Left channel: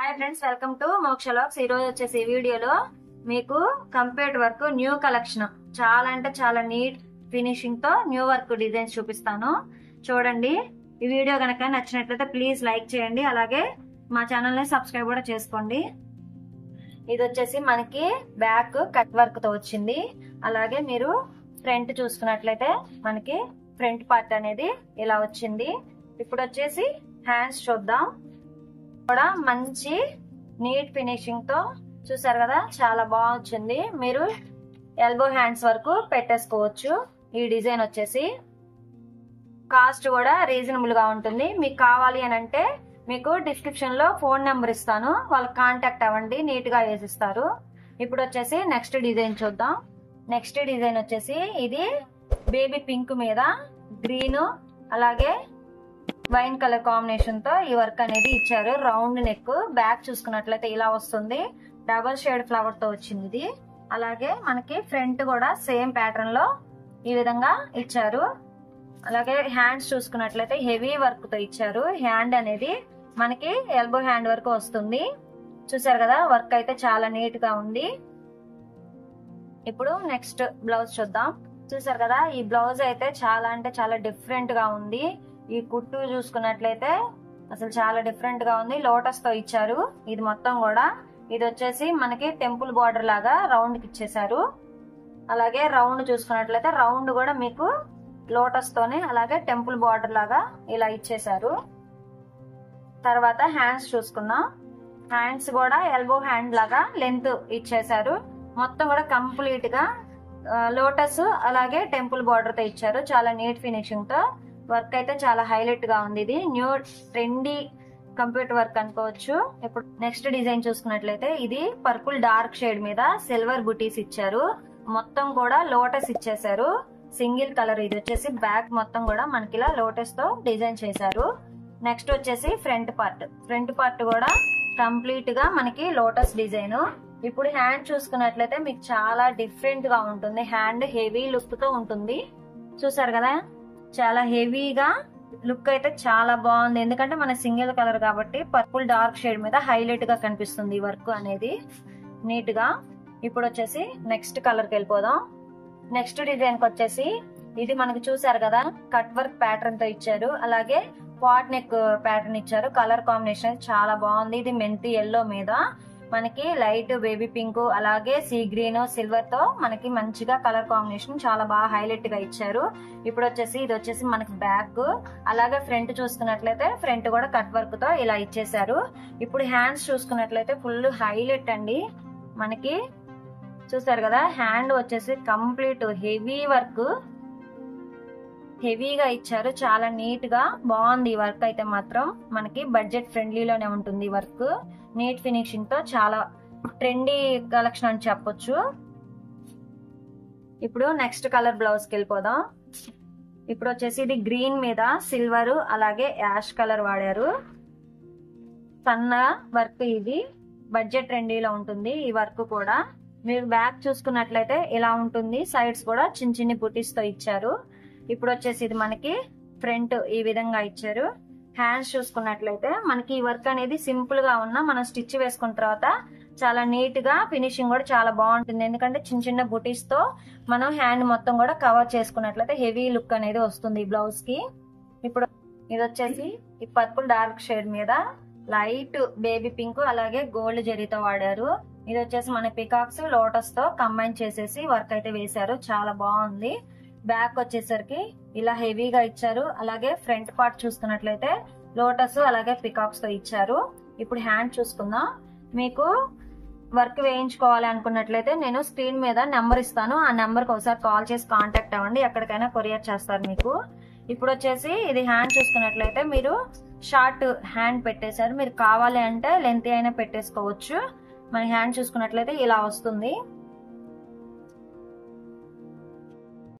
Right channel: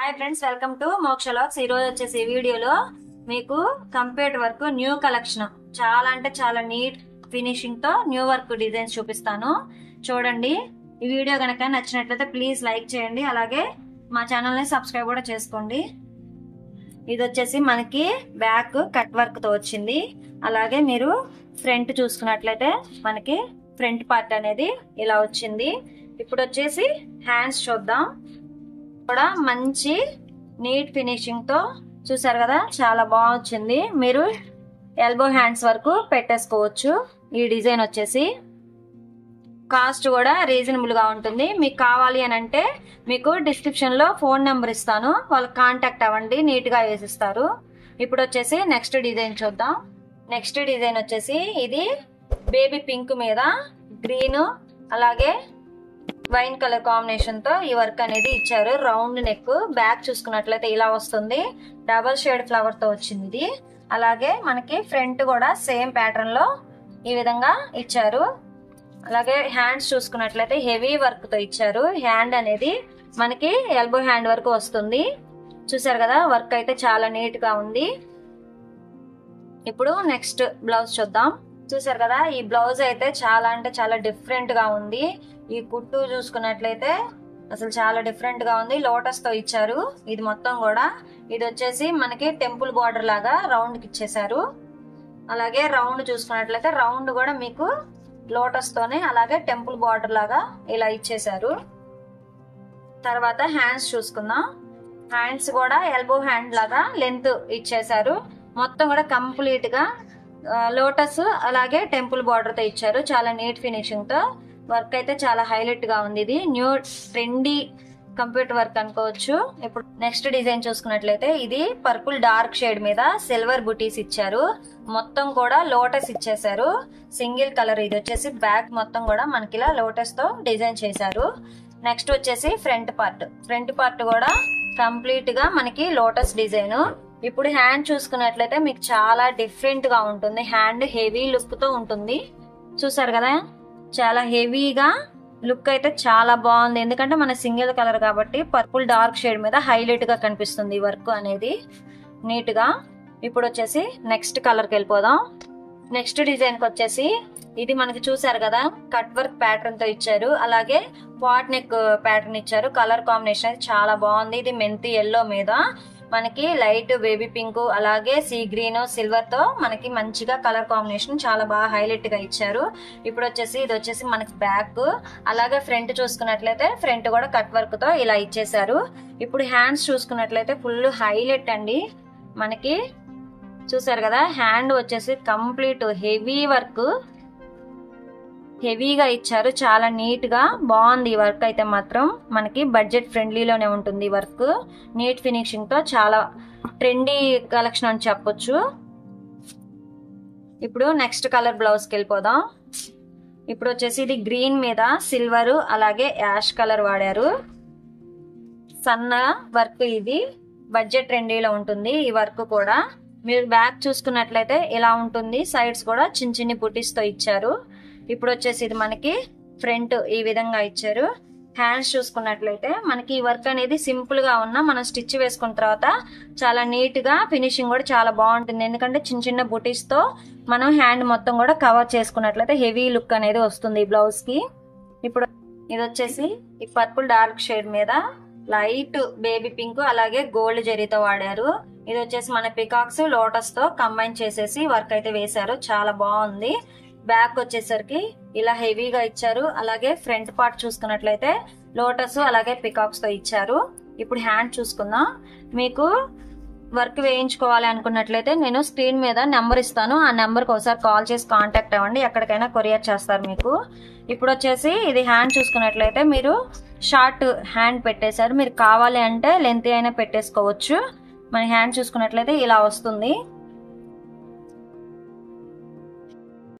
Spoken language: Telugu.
హాయ్ ఫ్రెండ్స్, వెల్కమ్ టు మోక్ష లాగ్స్. ఈ రోజు వచ్చేసి వీడియోలో మీకు కంప్యూటర్ వర్క్ న్యూ కలెక్షన్ చాలా అంటే చాలా నీట్ ఫినిషింగ్ తో న్యూ వర్క్ డిజైన్స్ చూపిస్తాను. చూడండి. ఈ వీడియో కనుక నచ్చినట్లయితే ప్లీజ్ లైక్ చేయండి, అలాగే మా ఛానల్ ని సబ్స్క్రైబ్ కూడా చేసుకోండి. ఇది వచ్చేసి మనకి బ్యాక్ కట్ వర్క్ తో వచ్చింది. అలాగే మీరు ఫ్రంట్ చూసుకున్నట్లయితే మనకి ఫ్రంట్ పార్ట్ అనేది ఇలా వచ్చింది. ఇప్పుడు వచ్చేసి హ్యాండ్స్ చూద్దాం. కూడా మంచి నీట్ ఫినిషింగ్ తో చూసారు కదా, చాలా బాగా వచ్చింది. మీరు ఎల్బో హ్యాండ్స్ వరకు పెట్టేసుకోవచ్చు. ఈ డిజైన్ వచ్చేసి కాస్ట్ కూడా రీజనబుల్ గా ఉంటుంది. మీకు కావాలి అని అంటే మీకు డిస్క్రిప్షన్ లో ఫోన్ నెంబర్ ఇస్తాను, వాళ్ళకి కాంటాక్ట్ అవ్వండి, నీట్ గా వేసిస్తారు. ఇప్పుడు వచ్చేసి నెక్స్ట్ డిజైన్ చూద్దాం. నెక్స్ట్ డిజైన్ వచ్చేసి ఇది బేబీ పింక్ మీద గ్రీన్ అలాగే వైన్ కలర్ కాంబినేషన్ తో ఈ వర్క్ అనేది ఇచ్చారు. రౌండ్ నెక్, బ్యాక్ చూసుకున్నట్లయితే ఇలా వస్తుంది. డబల్ షేడ్ ఫ్లవర్ తో వచ్చింది ఇది. అలాగే మనకి ఫ్రంట్ కూడా సేమ్ ప్యాటర్న్ లో ఈ విధంగా ఇచ్చారు. అలాగే హ్యాండ్స్ చూసుకున్నట్లయితే హెవీ వర్క్ తో ఇచ్చారు. హ్యాండ్ అనేది మనకి ఎల్బో హ్యాండ్ వరకు వస్తుంది. చూసారు కదా, వర్క్ అయితే చాలా నీట్ గా ఉంది. ఇప్పుడు నెక్స్ట్ బ్లౌజ్ చూద్దాం. చూసారు కదా, ఈ బ్లౌజ్ అయితే చాలా అంటే చాలా డిఫరెంట్ గా ఉంది. ఈ కుట్టు చూసుకున్నట్లయితే అసలు చాలా డిఫరెంట్ గా ఉంది. లోటస్ తో ఇచ్చారు ఇది మొత్తం కూడా. ఇది వచ్చేసి మనకి టెంపుల్ బార్డర్ లాగా రౌండ్ కి ఇచ్చేసారు. అలాగే రౌండ్ చూసుకున్నట్లయితే రౌండ్ కూడా మీకు లోటస్ తోనే అలాగే టెంపుల్ బార్డర్ లాగా ఇలా ఇచ్చేసారు. తర్వాత హ్యాండ్స్ చూసుకుందాం. హ్యాండ్స్ కూడా ఎల్బో హ్యాండ్ లాగా లెంత్ ఇచ్చేసారు. మొత్తం కూడా కంప్లీట్ గా లోటస్ అలాగే టెంపుల్ బార్డర్ తో ఇచ్చారు. చాలా నీట్ ఫినిషింగ్ తో వర్క్ అయితే చాలా హైలైట్ గా ఉంది. ఇది న్యూ ట్రెండీ కంప్యూటర్ వర్క్ అనుకోవచ్చు. ఇప్పుడు నెక్స్ట్ డిజైన్ చూసుకున్నట్లయితే ఇది పర్పుల్ డార్క్ షేడ్ మీద సిల్వర్ బుటీస్ ఇచ్చారు. మొత్తం కూడా లోటస్ ఇచ్చేసారు. Single colour. ఇది వచ్చేసి బ్యాక్ మొత్తం కూడా మనకి ఇలా లోటస్ తో డిజైన్ చేశారు. నెక్స్ట్ వచ్చేసి ఫ్రంట్ పార్ట్. ఫ్రంట్ పార్ట్ కూడా కంప్లీట్ గా మనకి లోటస్ డిజైన్. ఇప్పుడు హ్యాండ్ చూసుకున్నట్లయితే మీకు చాలా డిఫరెంట్ గా ఉంటుంది. హ్యాండ్ హెవీ లుక్ తో ఉంటుంది. చూసారు కదా, చాలా హెవీగా లుక్ అయితే చాలా బాగుంది. ఎందుకంటే మన సింగిల్ కలర్ కాబట్టి పర్పుల్ డార్క్ షేడ్ మీద హైలైట్ గా కనిపిస్తుంది వర్క్ అనేది నీట్ గా. ఇప్పుడు వచ్చేసి నెక్స్ట్ కలర్ కి వెళ్ళిపోదాం. నెక్స్ట్ డిజైన్ కి వచ్చేసి ఇది మనకి చూసారు కదా, కట్ వర్క్ ప్యాటర్న్ తో ఇచ్చారు. అలాగే పాట్ నెక్ ప్యాటర్న్ ఇచ్చారు. కలర్ కాంబినేషన్ అయితే చాలా బాగుంది. ఇది మెంతి ఎల్లో మీద మనకి లైట్ బేబీ పింక్ అలాగే సీ గ్రీన్ సిల్వర్ తో మనకి మంచిగా కలర్ కాంబినేషన్ చాలా బాగా హైలైట్ గా ఇచ్చారు. ఇప్పుడు వచ్చేసి ఇది వచ్చేసి మనకి బ్యాక్. అలాగే ఫ్రంట్ చూసుకున్నట్లయితే ఫ్రంట్ కూడా కట్ వర్క్ తో ఇలా ఇచ్చేసారు. ఇప్పుడు హ్యాండ్స్ చూసుకున్నట్లయితే ఫుల్ హైలైట్ అండి. మనకి చూసారు కదా, హ్యాండ్ వచ్చేసి కంప్లీట్ హెవీ వర్క్, హెవీగా ఇచ్చారు. చాలా నీట్ గా బాగుంది ఈ వర్క్ అయితే మాత్రం. మనకి బడ్జెట్ ఫ్రెండ్లీలోనే ఉంటుంది ఈ వర్క్. నీట్ ఫినిషింగ్ తో చాలా ట్రెండీ కలెక్షన్ అని చెప్పొచ్చు. ఇప్పుడు నెక్స్ట్ కలర్ బ్లౌజ్ కి వెళ్ళిపోదాం. ఇప్పుడు వచ్చేసి ఇది గ్రీన్ మీద సిల్వర్ అలాగే యాష్ కలర్ వాడారు. సన్న వర్క్. ఇది బడ్జెట్ ట్రెండీలో ఉంటుంది ఈ వర్క్ కూడా. మీరు బ్యాక్ చూసుకున్నట్లయితే ఇలా ఉంటుంది. సైడ్స్ కూడా చిన్న చిన్ని బుటీస్ తో ఇచ్చారు. ఇప్పుడు వచ్చేసి ఇది మనకి ఫ్రంట్ ఈ విధంగా ఇచ్చారు. హ్యాండ్స్ చూసుకున్నట్లయితే మనకి ఈ వర్క్ అనేది సింపుల్ గా ఉన్నా మనం స్టిచ్ వేసుకున్న తర్వాత చాలా నీట్ గా ఫినిషింగ్ కూడా చాలా బాగుంటుంది. ఎందుకంటే చిన్న చిన్న బుటీస్ తో మనం హ్యాండ్ మొత్తం కూడా కవర్ చేసుకున్నట్లయితే హెవీ లుక్ అనేది వస్తుంది ఈ బ్లౌజ్ కి. ఇప్పుడు ఇది వచ్చేసి ఈ పర్పుల్ డార్క్ షేడ్ మీద లైట్ బేబీ పింక్ అలాగే గోల్డ్ జరీతో వాడారు. ఇది వచ్చేసి మన పికాక్స్ లోటస్ తో కంబైన్ చేసేసి వర్క్ అయితే వేశారు. చాలా బాగుంది. బ్యాక్ వచ్చేసరికి ఇలా హెవీగా ఇచ్చారు. అలాగే ఫ్రంట్ పార్ట్ చూసుకున్నట్లయితే లోటస్ అలాగే పికాక్స్ తో ఇచ్చారు. ఇప్పుడు హ్యాండ్ చూసుకుందాం. మీకు వర్క్ వేయించుకోవాలి అనుకున్నట్లయితే నేను స్క్రీన్ మీద నెంబర్ ఇస్తాను, ఆ నెంబర్కి ఒకసారి కాల్ చేసి కాంటాక్ట్ అవ్వండి. ఎక్కడికైనా కొరియర్ చేస్తారు మీకు. ఇప్పుడు వచ్చేసి ఇది హ్యాండ్ చూసుకున్నట్లయితే మీరు షార్ట్ హ్యాండ్ పెట్టేశారు. మీరు కావాలి అంటే లెంత్ అయినా పెట్టేసుకోవచ్చు. మన హ్యాండ్ చూసుకున్నట్లయితే ఇలా వస్తుంది.